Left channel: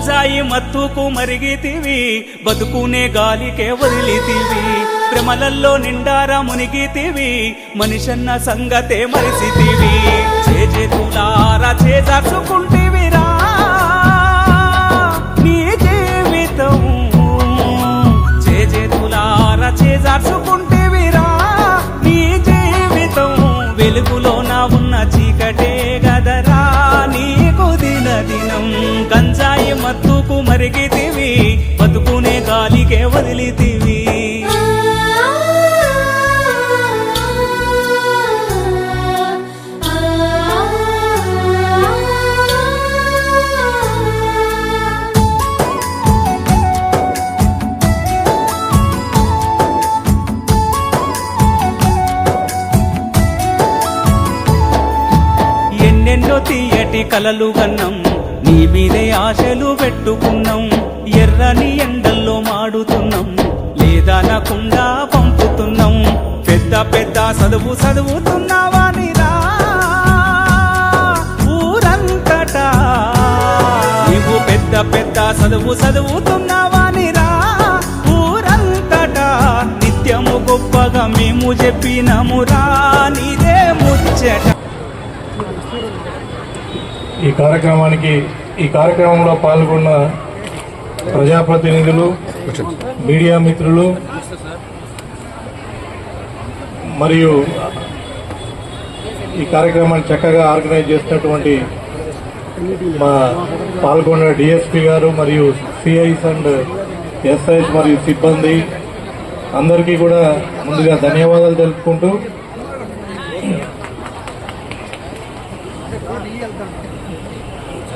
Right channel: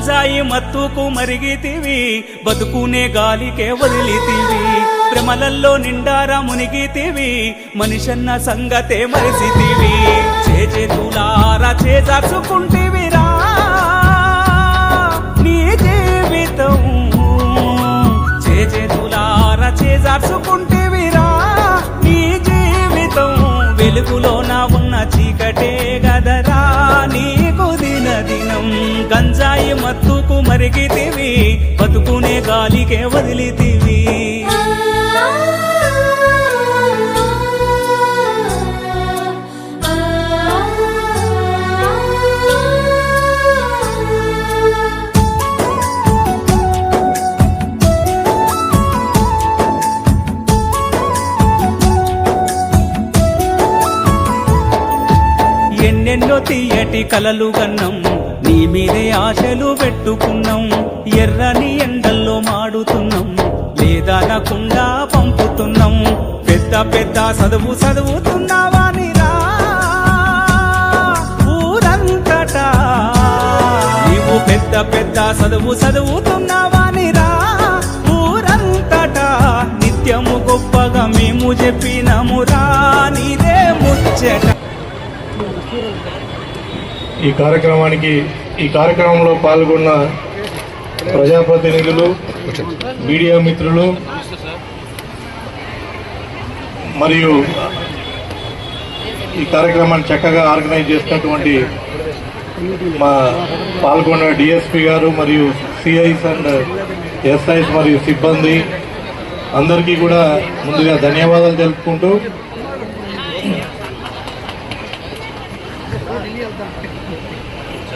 గంజాయి మత్తుకు మరిగితివి, బతుకునే గాలికే వదిలితివి, ప్రేమలల్లో నిండారా మునిగితివి, మనిషన్న సంగతే మరిసితివి. చేతులారా చేజార్చుకుంటివిరా నీ జీవితం, చేతులారా చేజార్చుకుంటివిరా నీ జీవితం. వెలుగులోన ఉన్న చీకటే గదరా నీకు దినం. గంజాయి మత్తుకు మరిగితివి, బతుకునే గాలికే వదిలితివి. ఎన్నెన్నో తీయటి కలలు గన్నం, నీ మీదే ఆశలు పెట్టుకున్నాం. ఎర్రని ఎండల్లో మాడుతున్నాం, లేదనకుండా పంపుతున్నాం. పెద్ద పెద్ద చదువుతున్నావానిరా ఊరంతటా, నీవు పెద్ద చదువుతున్నావానిరా ఊరంతటా. నిత్యము గొప్పగా మేము చెప్పినమురా నీదే ముచ్చట. ఈ కార్యక్రమంలో పాల్గొన్న ప్రజాప్రతినిధులు, మీడియా మిత్రులు మరియు ఈ కార్యక్రమాన్ని చక్కగా ఆర్గనైజ్ చేసినటువంటి మా పాల్గొన్న డిఎస్పీ గారు మరియు సిఐస్ అండ్ ఎస్ఐస్ మరియు సిబ్బంది అందరికీ కూడా ముందుగా ధన్యవాదాలు తెలుపుకుంటూ,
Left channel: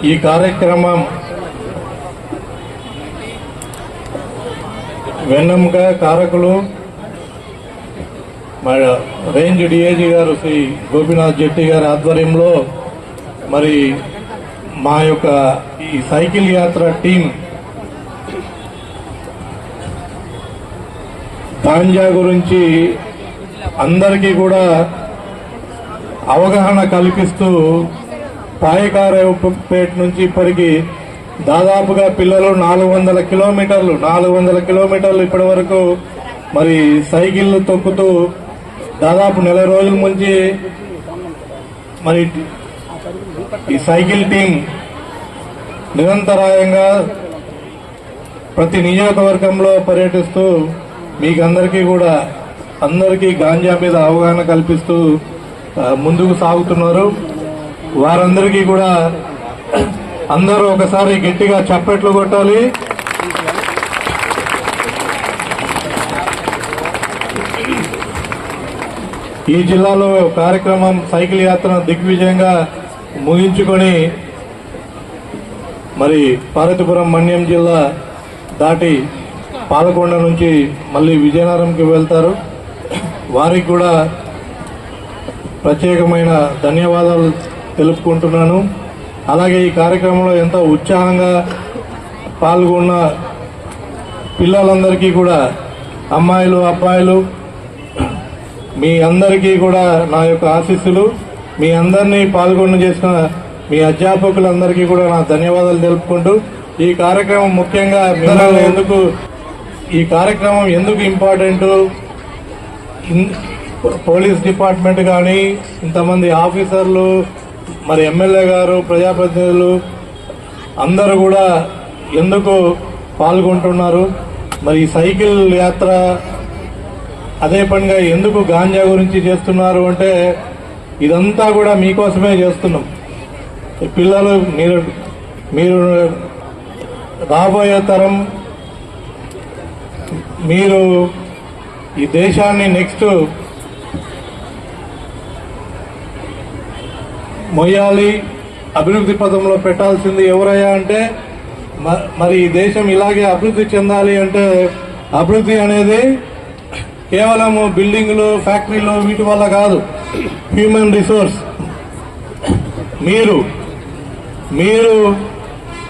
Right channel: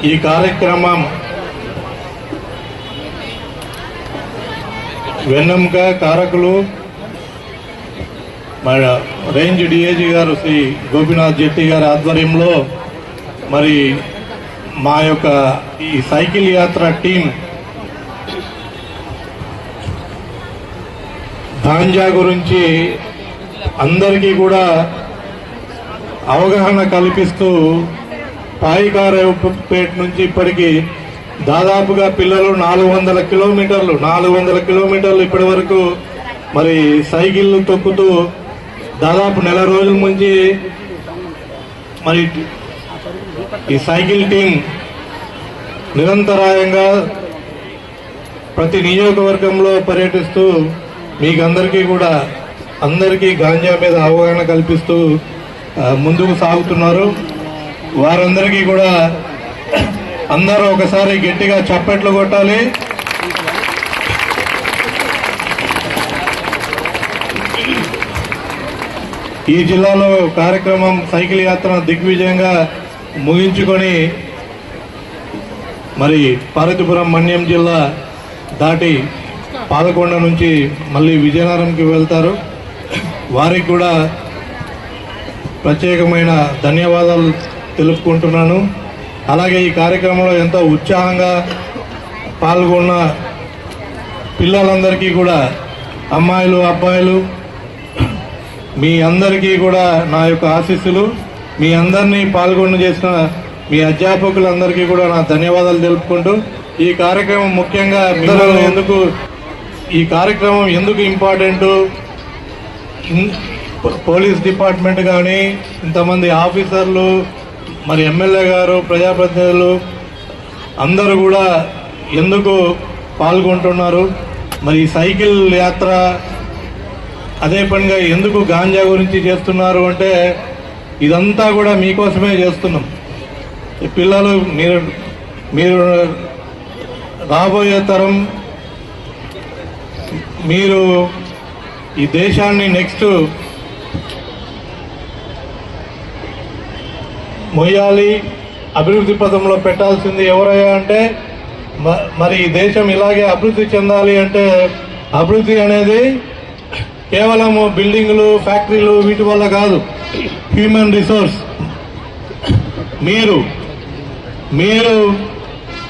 ఈ కార్యక్రమం వెన్నెముక కారకులు మన రేంజ్ డిఐజీ గారు శ్రీ గోపీనాథ్ జెట్టి గారి ఆధ్వర్యంలో మరి మా యొక్క ఈ సైకిల్ యాత్ర టీం గాంజా గురించి అందరికీ కూడా అవగాహన కల్పిస్తూ పాయికారేపేట నుంచి ఇప్పటికి దాదాపుగా పిల్లలు 400 కిలోమీటర్లు ఇప్పటి వరకు మరి సైకిళ్ళు తొక్కుతూ దాదాపు నెల రోజుల నుంచి మరి ఈ సైకిల్ టీం నిరంతరాయంగా ప్రతి నియోజకవర్గంలో పర్యటిస్తూ మీకు అందరికీ గాంజా మీద అవగాహన కల్పిస్తూ ముందుకు సాగుతున్నారు. వారందరికీ కూడా అందరూ ఒకసారి గట్టిగా చప్పట్లు కొట్టాలి. ఈ జిల్లాలో కార్యక్రమం సైకిల్ యాత్ర దిగ్విజయంగా ముగించుకొని మరి పార్వతీపురం మన్యం జిల్లా దాటి పాలకొండ నుంచి మళ్ళీ విజయనగరంకి వెళ్తారు. వారికి కూడా ప్రత్యేకమైన ధన్యవాదాలు తెలుపుకుంటున్నాను. అలాగే ఈ కార్యక్రమంలో ఎంతో ఉత్సాహంగా పాల్గొన్న పిల్లలందరికీ కూడా, అమ్మాయిలు అబ్బాయిలు, మీ అందరికీ కూడా నా యొక్క ఆశీస్సులు. మీ అందరినీ పాల్గొన చేస్తున్న మీ అధ్యాపకులందరికీ కూడా నా ధన్యవాదాలు తెలుపుకుంటూ, ఈ కార్యక్రమం ముఖ్యంగా ఈ కార్యక్రమం ఎందుకు ఇంపార్టెంట్, పోలీస్ డిపార్ట్మెంట్ కానీ ఇంతమంది ఆఫీసర్లు, మరి ఎమ్మెల్యే గారు, ప్రజాప్రతినిధులు అందరూ కూడా ఎందుకు పాల్గొంటున్నారు, మరి సైకిల్ యాత్ర అదే పనిగా ఎందుకు గాంజా గురించి చేస్తున్నారు అంటే ఇదంతా కూడా మీకోసమే చేస్తున్నాం. పిల్లలు మీరు రాబోయే తరం, మీరు ఈ దేశాన్ని నెక్స్ట్ మొయ్యాలి, అభివృద్ధి పథంలో పెట్టాల్సింది ఎవరయ్యా అంటే మరి ఈ దేశం ఇలాగే అభివృద్ధి చెందాలి అంటే అభివృద్ధి అనేది కేవలము బిల్డింగులు, ఫ్యాక్టరీలు వీటి వల్ల కాదు. హ్యూమన్ రిసోర్స్ మీరు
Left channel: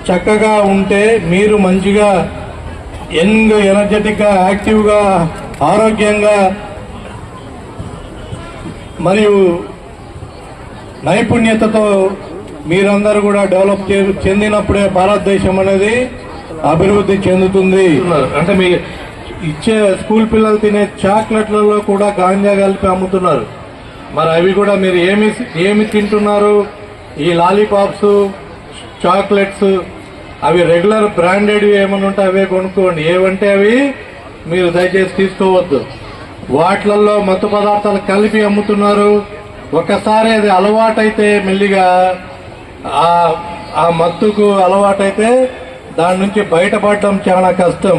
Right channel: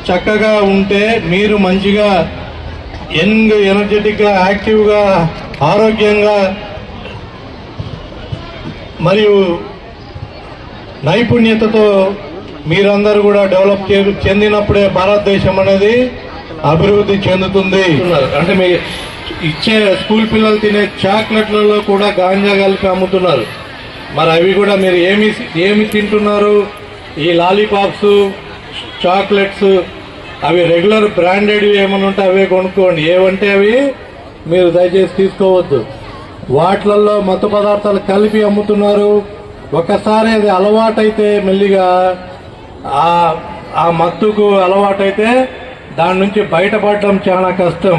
చక్కగా ఉంటే, మీరు మంచిగా యంగ్, ఎనర్జెటిక్గా, యాక్టివ్గా, ఆరోగ్యంగా మరియు నైపుణ్యతతో మీరందరూ కూడా డెవలప్ చెందినప్పుడే భారతదేశం అనేది అభివృద్ధి చెందుతుంది. అంటే మీ ఇచ్చే స్కూల్ పిల్లలు తినే చాక్లెట్లలో కూడా గాంజా కలిపి అమ్ముతున్నారు. మరి అవి కూడా మీరు ఏమి తింటున్నారు? ఈ లాలీపాప్స్, చాక్లెట్స్, అవి రెగ్యులర్ బ్రాండెడ్ ఏమన్నా ఉంటే అవే కొనుక్కోండి. ఏవంటే అవి మీరు దయచేసి తీసుకోవద్దు. వాటిలలో మత్తు పదార్థాలు కలిపి అమ్ముతున్నారు. ఒకసారి అది అలవాటైతే మెల్లిగా ఆ మత్తుకు అలవాటైతే దాని నుంచి బయటపడడం చాలా కష్టం.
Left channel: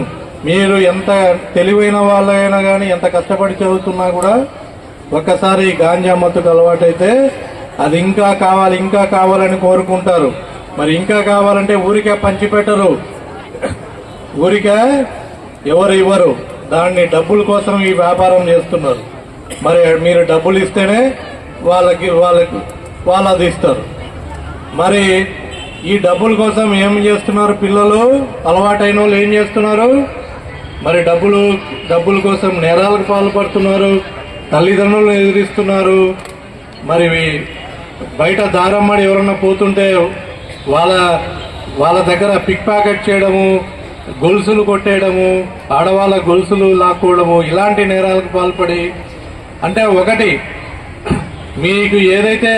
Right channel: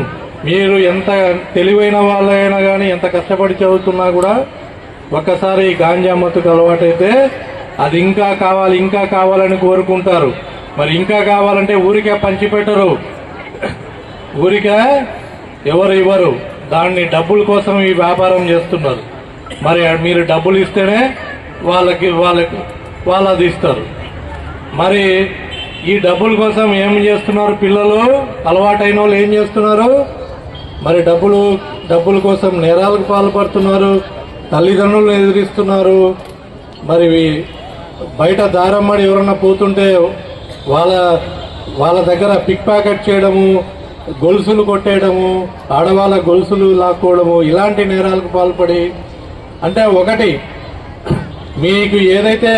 మీరు ఎంత తెలివైన వాళ్ళైనా కానీ ఎంత కష్టపడి చదువుతున్నా కూడా ఒక్కసారి గాంజా మత్తుకు అలవాటైతే అది ఇంకా కావాలి ఇంకా కావాలని కోరుకుంటారు. మరి ఇంకా కావాలంటే ఊరికే పంచిపెట్టరు, ఊరికే ఎవరు ఇవ్వరు. దాన్ని డబ్బుల కోసం ఈ వ్యాపారం చేస్తున్నారు. మరి మీరు డబ్బులు ఇస్తేనే వాళ్ళు అది ఇస్తారు. మరి ఈ డబ్బుల కోసం ఏం చేస్తున్నారు పిల్లలు? అలవాటైన వాళ్ళు ఏం చేస్తున్నారు? మరి డబ్బుల కోసం నేరాలకు పాల్పడుతున్నారు, తల్లిదండ్రులను ఎదిరిస్తున్నారు. మరి బయట దారమ్మడి ఎవరన్నా పోతుంటే వాళ్ళ దగ్గర పిక్ ప్యాకెట్ చేయడము, గొలుసులు కొట్టేయడము, ఆడవాళ్ళ గొలుసులు లాక్కోవడము, ఇలాంటి నేరాలకు పాల్పడి, అంటే ఒకటి మీకు ఏదైతే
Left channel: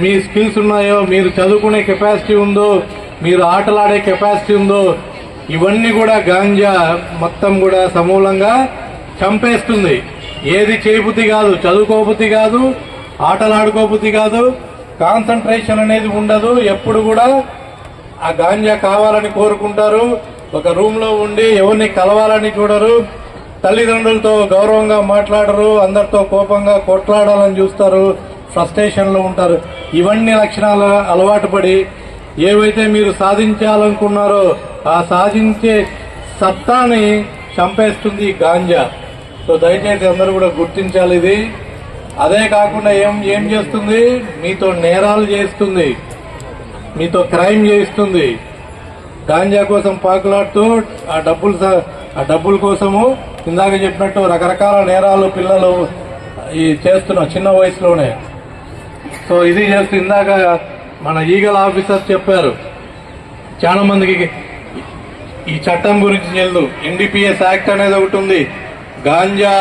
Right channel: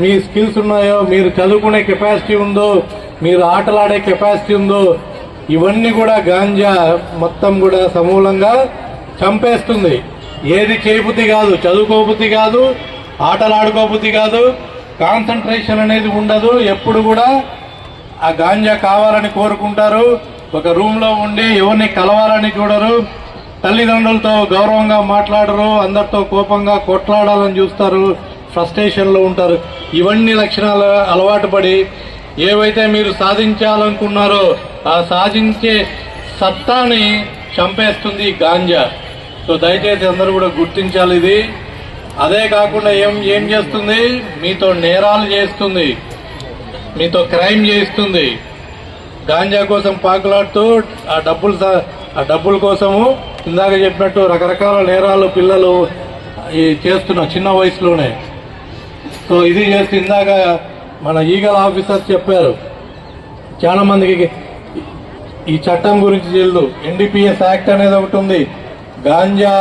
మీ స్కిల్స్ ఉన్నాయో, మీరు చదువుకునే కెపాసిటీ ఉందో, మీరు ఆటలాడే కెపాసిటీ ఉందో, ఇవన్నీ కూడా గాంజా మొత్తం కూడా సమూలంగా చంపేస్తుంది. ఏది చేయబుద్ధి కాదు, చదువుకోబుద్ధి కాదు, ఆటలాడుకోబుద్ధి కాదు, కాన్సన్ట్రేషన్ అనేది ఉండదు. ఎప్పుడు కూడా ఆ గాంజా కావాలని కోరుకుంటారు. ఒక రూమ్ లో ఉండి ఎవరిని కలవాలని చూడరు, తల్లిదండ్రులతో గౌరవంగా మాట్లాడరు, అందరితో కోపంగా కొట్లాడాలని చూస్తారు, ఫ్రస్ట్రేషన్లో ఉంటారు. ఇవన్నీ లక్షణాలు అలవాటు పడి ఏవైతే మీరు సాధించాలనుకున్నారో ఆ సాధించే సత్తాని చంపేస్తుంది గాంజా. సో దయచేసి అందరూ కూడా గుర్తించాలి ఇది. అదే కాకుండా ఏం చేస్తుంది? మీతో నేరాలు చేస్తుంది, మీతో క్రైమ్ చేయిస్తుంది. గాంజా కోసం పాకులాడుతూ ఆ డబ్బుల కోసము ఇందాక చెప్పినట్టు రకరకాల నేరాలు పిల్లలు చేస్తున్నారు చిన్న వయసులోనే. సో ఇది చేస్తూ ఇందాక మన ఈగల్ ఆఫీసర్ చెప్పారు, చాలా మందికి ఈ చట్టం గురించి తెలియదు. ఎన్డీపీఎస్ యాక్ట్ అనేది ఒకటి ఉంది. గాంజా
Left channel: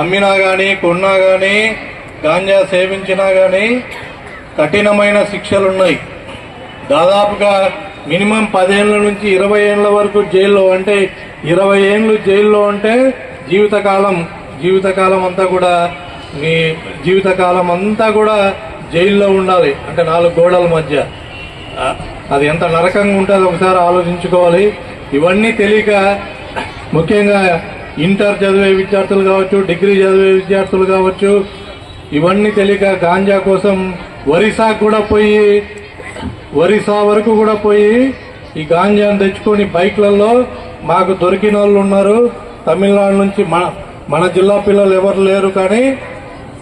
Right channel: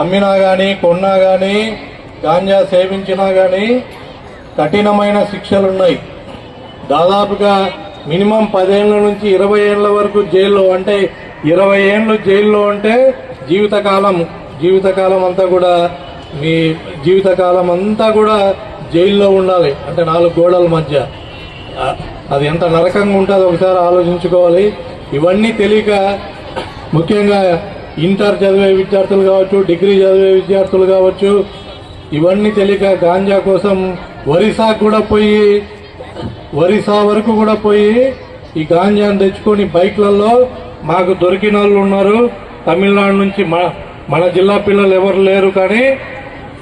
అమ్మినా కానీ, కొన్నా కానీ, గాంజా సేవించినా కానీ కఠినమైన శిక్షలున్నాయి. దాదాపుగా మినిమం 10 ఏళ్ల నుంచి 20 ఏళ్ల వరకు జైల్లో. అంటే 20 ఏళ్ళు జైల్లో అంటే జీవితకాలం అంతా కూడా మీ జీవితకాలం అంతా కూడా జైల్లో ఉండాలి. అంటే 4 గోడల మధ్య. అది ఎంత నరకంగా ఉంటుందో ఒకసారి ఆలోచించుకోవాలి. ఇవన్నీ తెలియక ముఖ్యంగా ఇంటర్ చదివే విద్యార్థులు కావచ్చు, డిగ్రీ చదివే విద్యార్థులు కావచ్చు, ఇవన్నీ తెలియక గాంజా కోసం ఒరిస్సా వరకు కూడా పోయి ఈ గాంజాను తెచ్చుకొని బైక్లలో మాకు దొరికిన వాళ్ళు ఉన్నారు. తమిళనాడు నుంచి మన జిల్లా పిల్లలు ఎవరు లేరు, కానీ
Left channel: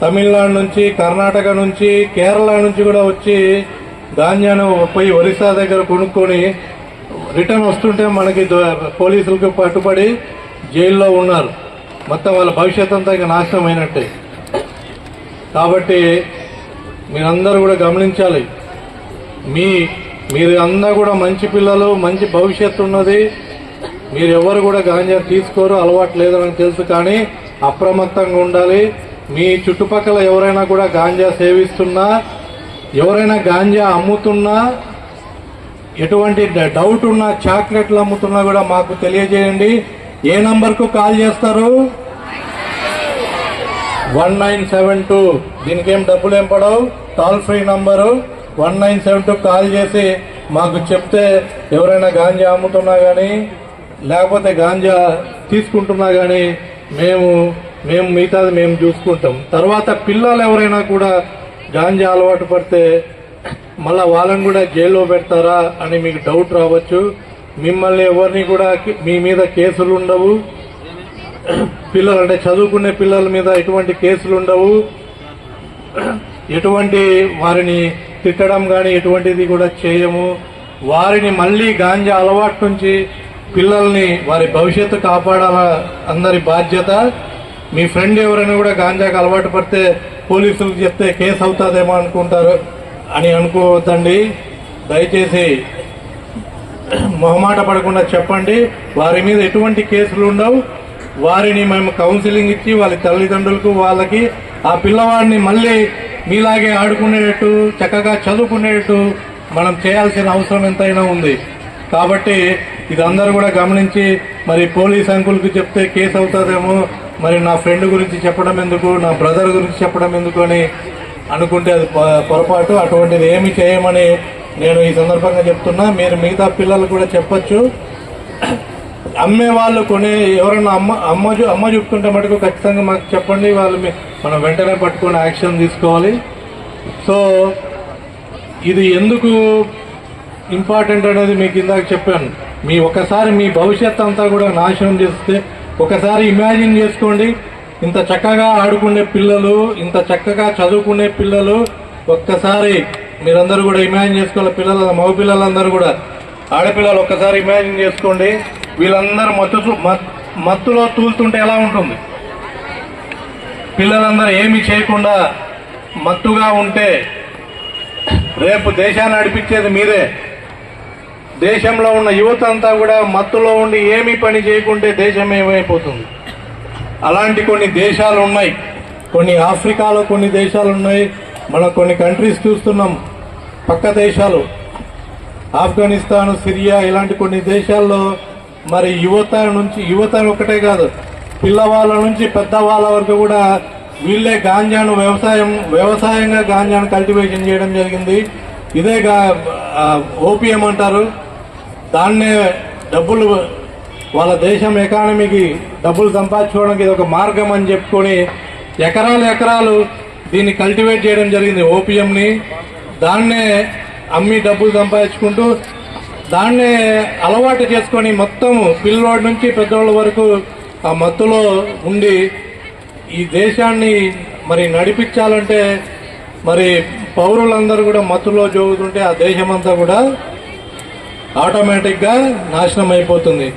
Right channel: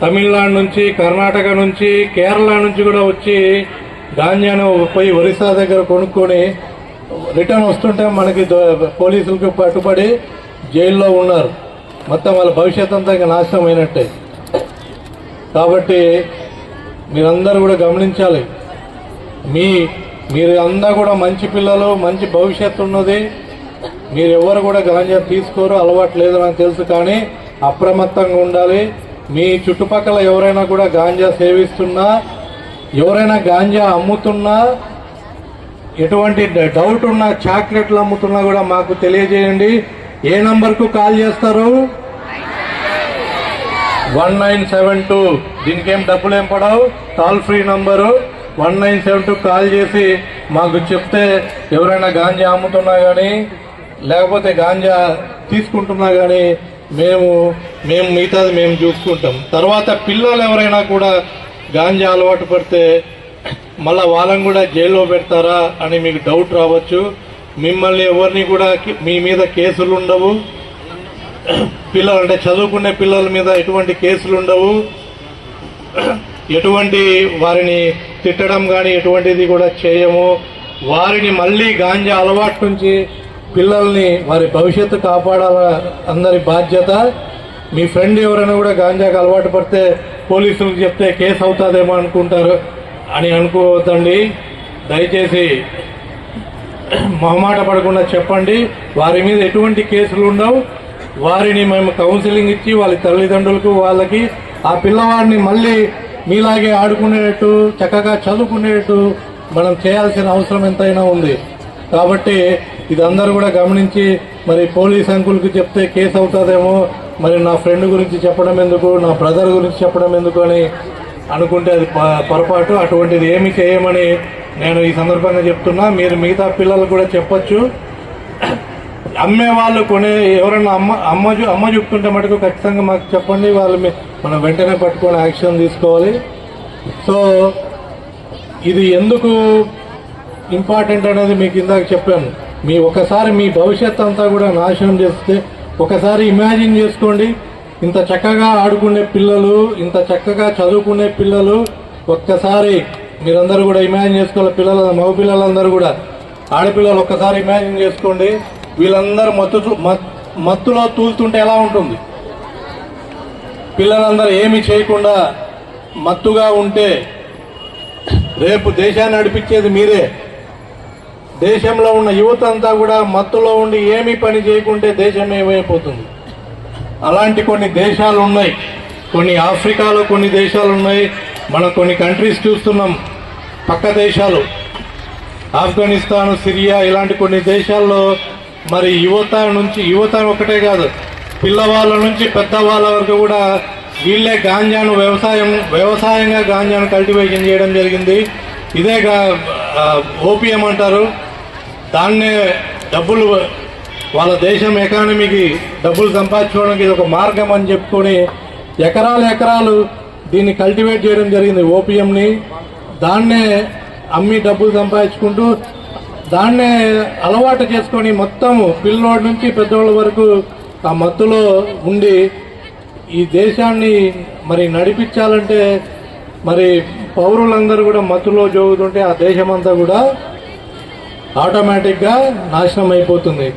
తమిళనాడు నుంచి, కర్ణాటక నుంచి, కేరళ నుంచి కూడా వచ్చి గాంజాను పోయి ఒరిస్సా దగ్గర కొనుక్కొని రిటర్న్ వస్తుంటే మనకి పోలీసులకు పట్టుబడి జైల్లో ఉన్నారు. మొత్తం వాళ్ళ భవిష్యత్ అంతా ఇంకా నాశనం అయినట్టే. కాబట్టి మీరందరూ కూడా గమనించాలి. మీరు అందరూ కూడా మంచి పిల్లలు, మంచి భవిష్యత్తు ఉన్నది. మీరు ఎవరు కూడా గాంజా తీసుకోరు, అలవాటు లేదని నాకు తెలుసు, కానీ అప్రమత్తంగా ఉండాలి. మీ చుట్టుపక్కల ఎవరైనా కూడా గాంజా సేవిస్తున్నా, ఎవరైనా గాంజా అమ్ముతున్నా, ఎటువంటి డౌట్ ఉన్నా, చాక్లెట్లు అమ్ముతున్నా కూడా మాకు తెలియజేయండి. ఏ నంబర్కు కాల్ చేస్తారు? 1972. దీనికేం డబ్బులేం పడవు, టోల్ ఫ్రీ నంబరు 1972 కాల్ చేసి మాకు చెప్తే ఎవరైనా గాంజా అమ్ముతున్నా కానీ, లేకపోతే గాంజా తీసుకుంటున్నా కానీ మేము మిగతాది మేము చూసుకుంటాం. తర్వాత పిల్లలు ఎవరైనా కూడా గాంజా అలవాటు పడితే మళ్ళీ వాళ్ళని కూడా జైల్లో పెడతారా అని మీకు డౌట్ రావచ్చు. మిమ్మల్ని ఎవరిని కూడా మీ మీద కేసులు ఉండవు. పిల్లలు అంటే చదువుకునే పిల్లల మీద ఎటువంటి కేసులు ఉండవు. ఎటువంటి వారిని తిట్టడం కానీ ఎటువంటిది కూడా చేయము. వారిని మళ్ళీ గాంజా అలవాటు నుంచి పిల్లల్ని వారి భవిష్యత్తు కాపాడాల అందరి బాధ్యత. మీ ఫ్రెండ్ ఎవరైనా కూడా గాంజాకి అలవాటు పడితే పోలీసులకు చెప్తే కేసు అవుతుందేమో అని అనుకోవద్దండి. దయచేసి మొహమాట పడకుండా చెప్పండి. వారి మీద ఎటువంటి కేసులు ఉండవు. వారిని మేము కౌన్సిలింగ్ ఇచ్చి వాళ్ళ తల్లిదండ్రులకు వాళ్ళకి ఆ పిల్లవాడిని మళ్ళీ మీలాగే ఆడుకునేటట్టు చక్కగా చదువుకునేటట్టు మనం చేయాల్సిన అవసరం ఎంతైనా ఉంది. కాబట్టి ఇదందరూ కూడా గమనించి మరి పోలీస్ అంకుల్కి చెప్తే కేసు అవుతుందేమో, మరి నా ఫ్రెండ్ గురించి చెప్పడం ఎందుకు, నా బ్రదర్ గురించి చెప్పడం ఎందుకు అని అనుకుంటే అది పొరపాటు. అటువంటిది ఏమి చేయమని నేను ఈ సందర్భంగా చెప్తున్నా. మీరు మిగతా పిల్లలు కూడా చెప్పచ్చు. అమ్మే వాళ్ళు ఎవరన్నా అమ్మ చెప్తుంటే మటుకు ఖచ్చితంగా మాకు చెప్పండి. వాళ్ళు మనం వెంటనే పట్టుకొని యాక్షన్ తీసుకోవాలి. సో ఇది ఎందుకు ఇంపార్టెంట్ అనేది మీకు ఇందాక చెప్పాను. ఒకసారి మీ భవిష్యత్ అంతా కూడా నాశనం చేస్తే ఒకసారి ఇమాజిన్ చేసుకోండి. ఇంత చక్కగా ఆడుకునే పిల్లలు, ఇంత చక్కగా చదువుకునే పిల్లలు, ఒక్కసారి మీరందరూ కూడా ఇమాజిన్ చేసుకోవాలి. మగ పిల్లలందరూ కూడా, ఆడపిల్లలు ఒక్కసారి ఇమాజిన్ చేసుకోండి. వీళ్ళందరూ మత్తులో తూలుతుంటే ఎలా ఉంటుంది? పిల్లలందరూ ఏమీ చేయకుండా మత్తుగా ఉంటే రేపు దేశాన్ని నడిపించేది మీరే. దేశంలో ఉన్న యువత అంతా కూడా మత్తులో ఉండి ఏమీ పని చేయకుంటే దేశం ఏమైపోతుంది? అలాంటి కొన్ని దేశాలు ఉన్నాయి. కొన్ని ఆఫ్రికాలో కొన్ని దేశాలు ఉన్నాయి. మనం కొన్ని కంట్రీస్ చూస్తున్నాం, పక్క దేశాలు, ఆఫ్ఘనిస్తాన్, సిరియా, ఇలాంటి కొన్ని దేశాల్లో మరి యువత ఒకటే కాదు, పిల్లవాళ్ళ నుంచి పెద్దవాళ్ళ వరకు కూడా వీళ్ళే గాంజాను వ్యవసాయంగా గాంజాను కల్టివేషన్ చేయడం జరిగింది. ఇదే ఓపియం అంటారు. దాన్నే డబ్బులు, వాళ్ళ దేశం ఎకానమీకి డబ్బులు సంపాదించుకోవడానికి ఇది ఒక మార్గం అని చెప్పుకొని ఎకరాలు దీన్ని కల్టివేట్ చేయడం జరిగింది, ఓపియంని. దాన్నే అమ్మి డబ్బులు సంపాదించుకుంటూ దాన్నే అలవాటు చేసుకొని మొత్తము పిల్లోడి నుంచి పెద్దవాళ్ళ వరకు ఆ మత్తులో ఉండి ఈ దేశాన్ని మరి నడిపించాలంటే మరి పౌరులందరూ కూడా మత్తులో జోగుతుంటే ఆ దేశమంతా కూడా ఆటోమేటిక్గా నాశనం అయిపోతుంది.